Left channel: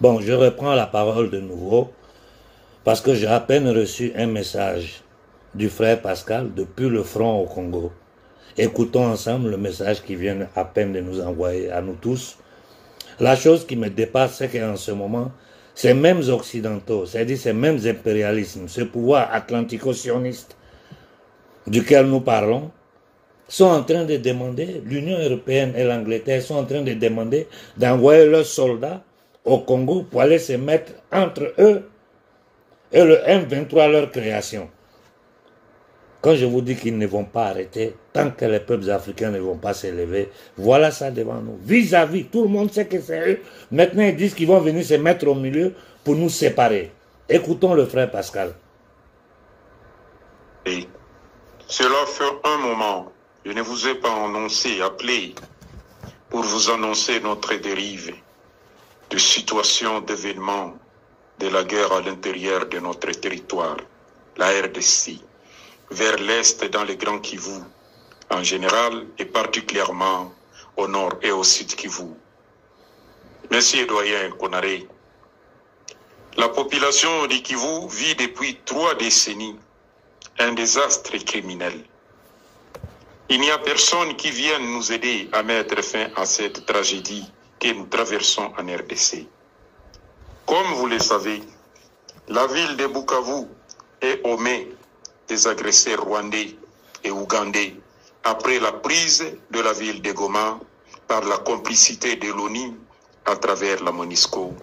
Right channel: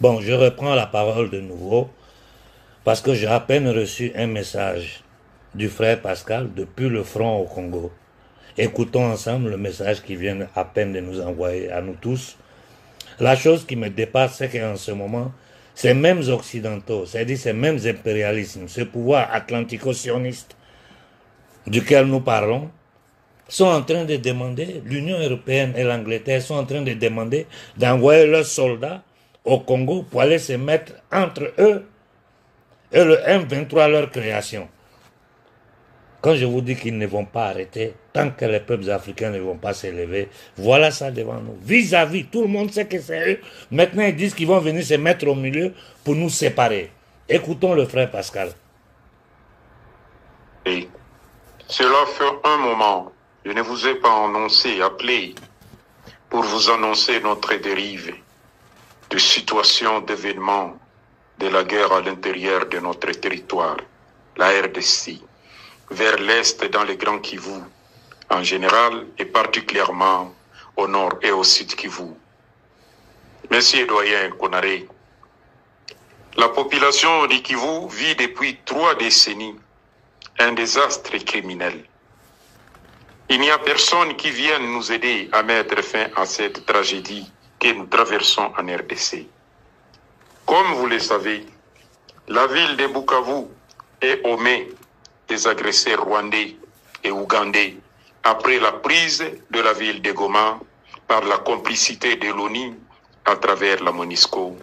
Bon, je reprends la parole de nouveau parce que j'ai à peine reçu un message du frère Pascal depuis le front au Congo. Écoutons ensemble le message qui vient à peine de nous envoyer à nous tous. La chose qui me dépasse, c'est qu'en ce moment, ces mêmes occidentaux, c'est-à-dire ces mêmes impérialismes, ce pouvoir atlantico-sioniste duquel nous parlons, sont en train de demander, l'Union européenne et l'Angleterre sont en train de demander d'envoyer leurs soldats au Congo pour aller se mettre entre eux et le M23, leur création. Quand je vous dis qu'ils ne vont pas arrêter, tant que les peuples africains ne vont pas s'élever, voilà ça devant nous. Vis-à-vis, tout le monde sait que c'est eux. Maintenant, ils disent qu'ils vont venir se mettre au milieu pour nous séparer. Écoutons le frère Pascal. Et cela fait un moment, je ne vous ai pas annoncé, appelé, pour vous annoncer notre dérive de situation d'événements de la guerre à l'intérieur de notre territoire, la RDC, vers l'est dans le Grand Kivu, en général et particulièrement au nord et au sud Kivu. Monsieur doyen Konaré, la population du Kivu vit depuis 3 décennies un désastre criminel. Il n'y a personne qui vienne nous aider à mettre fin à cette tragédie que nous traversons en RDC. Comme vous le savez, la ville de Bukavu est au mai des agresseurs rwandais et ougandais après la prise de la ville de Goma par la complicité de l'ONU à travers la MONUSCO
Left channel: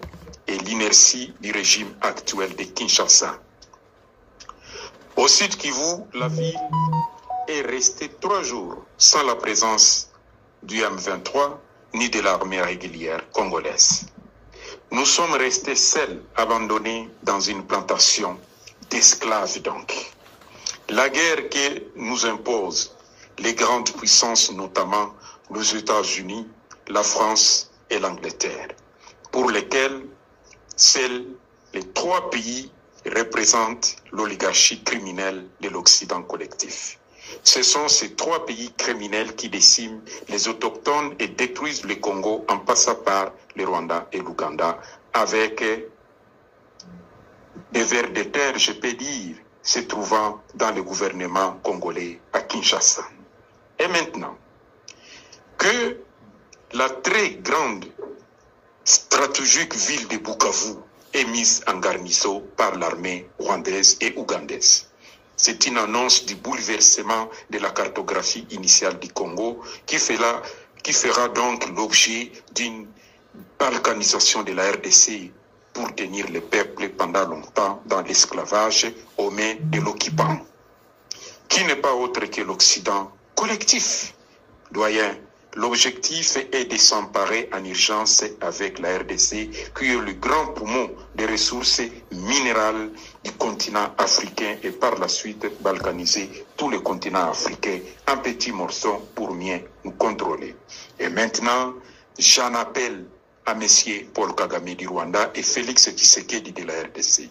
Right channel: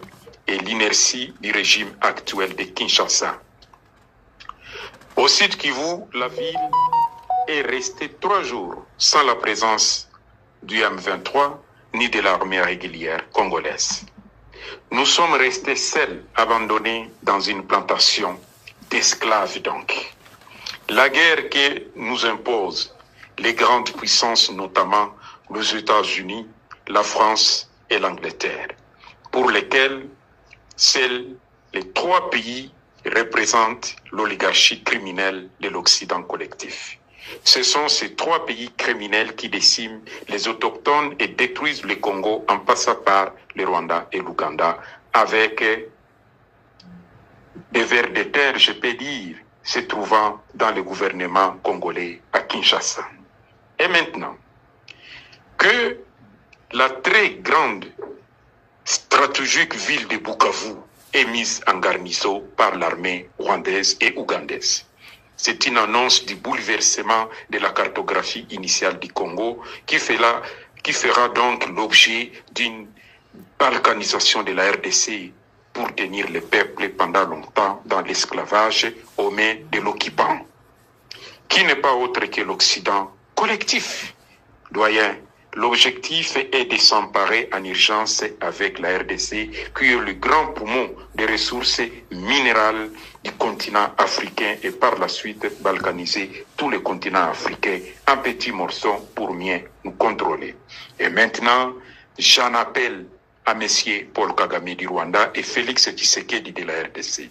et l'inertie du régime actuel de Kinshasa. Au sud Kivu, la ville est restée 3 jours sans la présence du M23 ni de l'armée régulière congolaise. Nous sommes restés seuls, abandonnés dans une plantation d'esclaves donc. La guerre que nous imposent les grandes puissances, notamment les États-Unis, la France et l'Angleterre, pour lesquels seuls les 3 pays représentent l'oligarchie criminelle de l'Occident collectif. Ce sont ces 3 pays criminels qui déciment les autochtones et détruisent le Congo en passant par le Rwanda et l'Ouganda avec des vers de terre, je peux dire, se trouvant dans le gouvernement congolais à Kinshasa. Et maintenant, que la très grande stratégique ville de Bukavu est mise en garnison par l'armée rwandaise et ougandaise. C'est une annonce du bouleversement de la cartographie initiale du Congo qui fera donc l'objet d'une balkanisation de la RDC pour tenir le peuple pendant longtemps dans l'esclavage aux mains de l'occupant, qui n'est pas autre que l'Occident collectif. Doyen, l'objectif est de s'emparer en urgence avec la RDC, qui est le grand poumon des ressources minérales du continent africain et par la suite balkaniser tout le continent africain en petits morceaux pour mieux nous contrôler. Et maintenant, j'en appelle à M. Paul Kagame du Rwanda et Félix Tshisekedi de la RDC.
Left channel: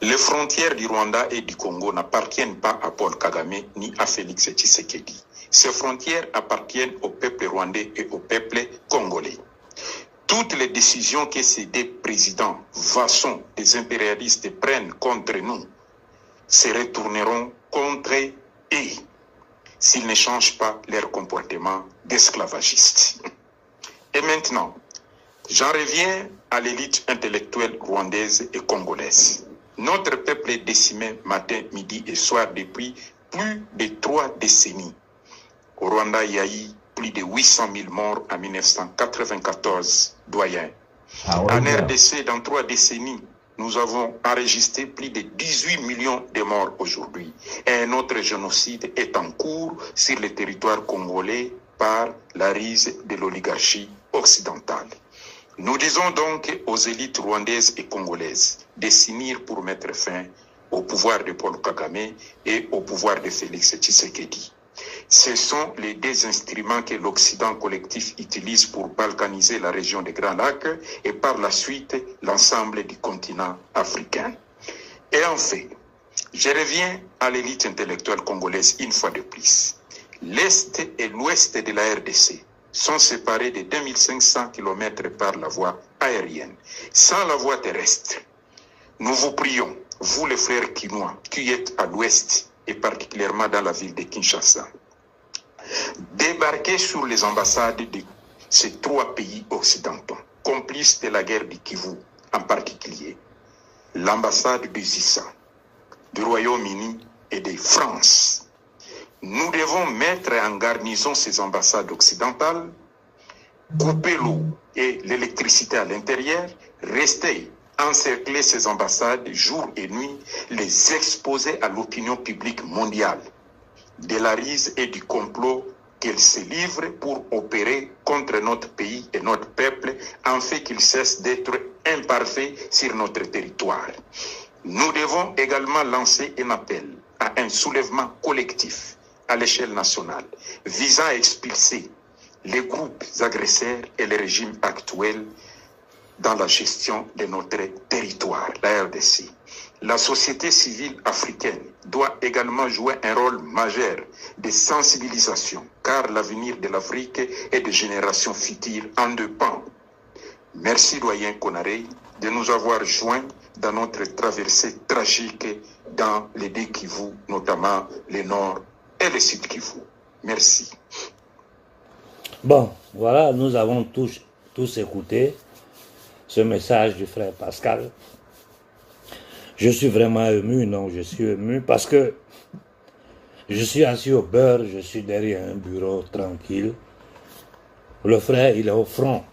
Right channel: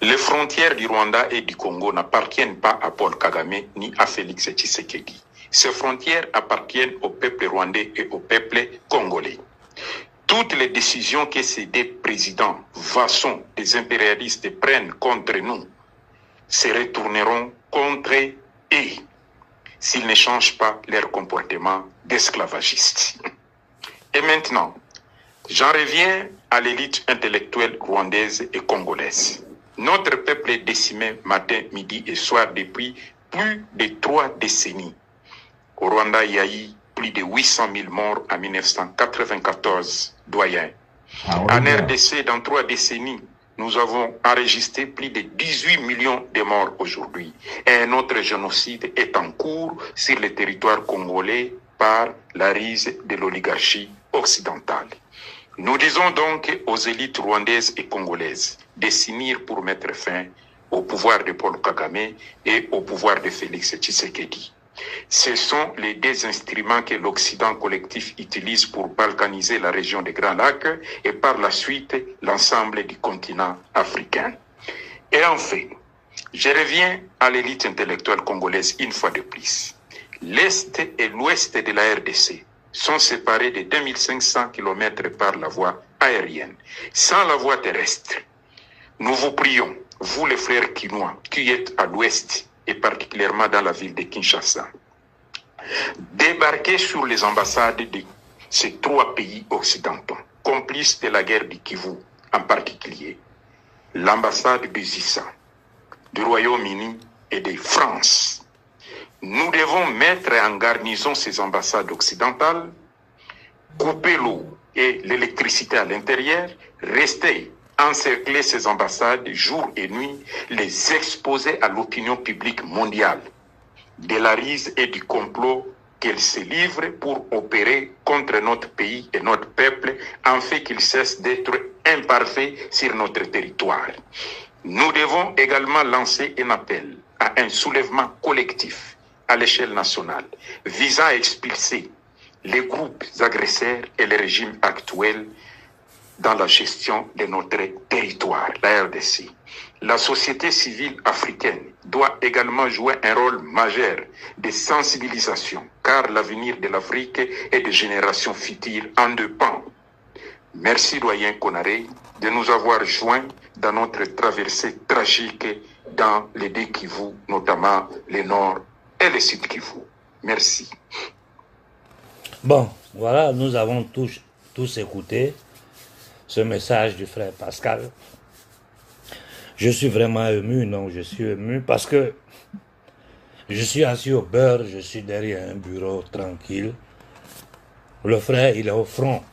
Les frontières du Rwanda et du Congo n'appartiennent pas à Paul Kagame ni à Félix Tshisekedi. Ces frontières appartiennent au peuple rwandais et au peuple congolais. Toutes les décisions que ces 2 présidents vassaux des impérialistes prennent contre nous se retourneront contre eux s'ils ne changent pas leur comportement d'esclavagiste. Et maintenant, j'en reviens à l'élite intellectuelle rwandaise et congolaise. Notre peuple est décimé matin, midi et soir depuis plus de 3 décennies. Au Rwanda, il y a eu plus de 800 000 morts en 1994, doyen. En RDC, dans 3 décennies, nous avons enregistré plus de 18 millions de morts aujourd'hui. Et un autre génocide est en cours sur le territoire congolais par la rise de l'oligarchie occidentale. Nous disons donc aux élites rwandaises et congolaises de s'unir pour mettre fin au pouvoir de Paul Kagame et au pouvoir de Félix Tshisekedi. Ce sont les 2 instruments que l'Occident collectif utilise pour balkaniser la région des Grands Lacs et par la suite l'ensemble du continent africain. Et enfin, je reviens à l'élite intellectuelle congolaise une fois de plus. L'Est et l'Ouest de la RDC sont séparés de 2500 km par la voie aérienne. Sans la voie terrestre, nous vous prions, vous les frères Kinois, qui êtes à l'ouest et particulièrement dans la ville de Kinshasa, débarquez sur les ambassades de ces 3 pays occidentaux, complices de la guerre du Kivu, en particulier l'ambassade de Zissa, du Royaume-Uni et de France. Nous devons mettre en garnison ces ambassades occidentales, couper l'eau et l'électricité à l'intérieur, rester encercler ces ambassades jour et nuit, les exposer à l'opinion publique mondiale de la rise et du complot qu'elles se livrent pour opérer contre notre pays et notre peuple, en fait qu'ils cessent d'être imparfaits sur notre territoire. Nous devons également lancer un appel à un soulèvement collectif à l'échelle nationale visant à expulser les groupes agresseurs et les régimes actuels dans la gestion de notre territoire, la RDC. La société civile africaine doit également jouer un rôle majeur de sensibilisation, car l'avenir de l'Afrique et des générations futures en dépend. Merci, doyen Konaré, de nous avoir joints dans notre traversée tragique dans les 2 Kivu, notamment le Nord et le Sud Kivu. Merci. Bon, voilà, nous avons tous écouté ce message du frère Pascal. Je suis vraiment ému, non, je suis ému parce que je suis assis au beurre, je suis derrière un bureau tranquille. Le frère, il est au front.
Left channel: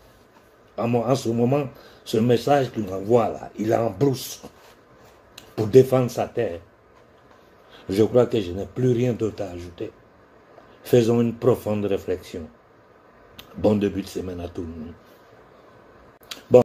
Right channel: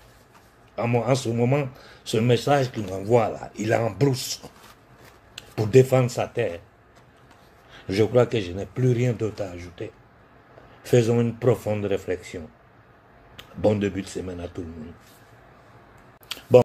En ce moment, ce message qu'il m'envoie là, il est en brousse pour défendre sa terre. Je crois que je n'ai plus rien d'autre à ajouter. Faisons une profonde réflexion. Bon début de semaine à tout le monde.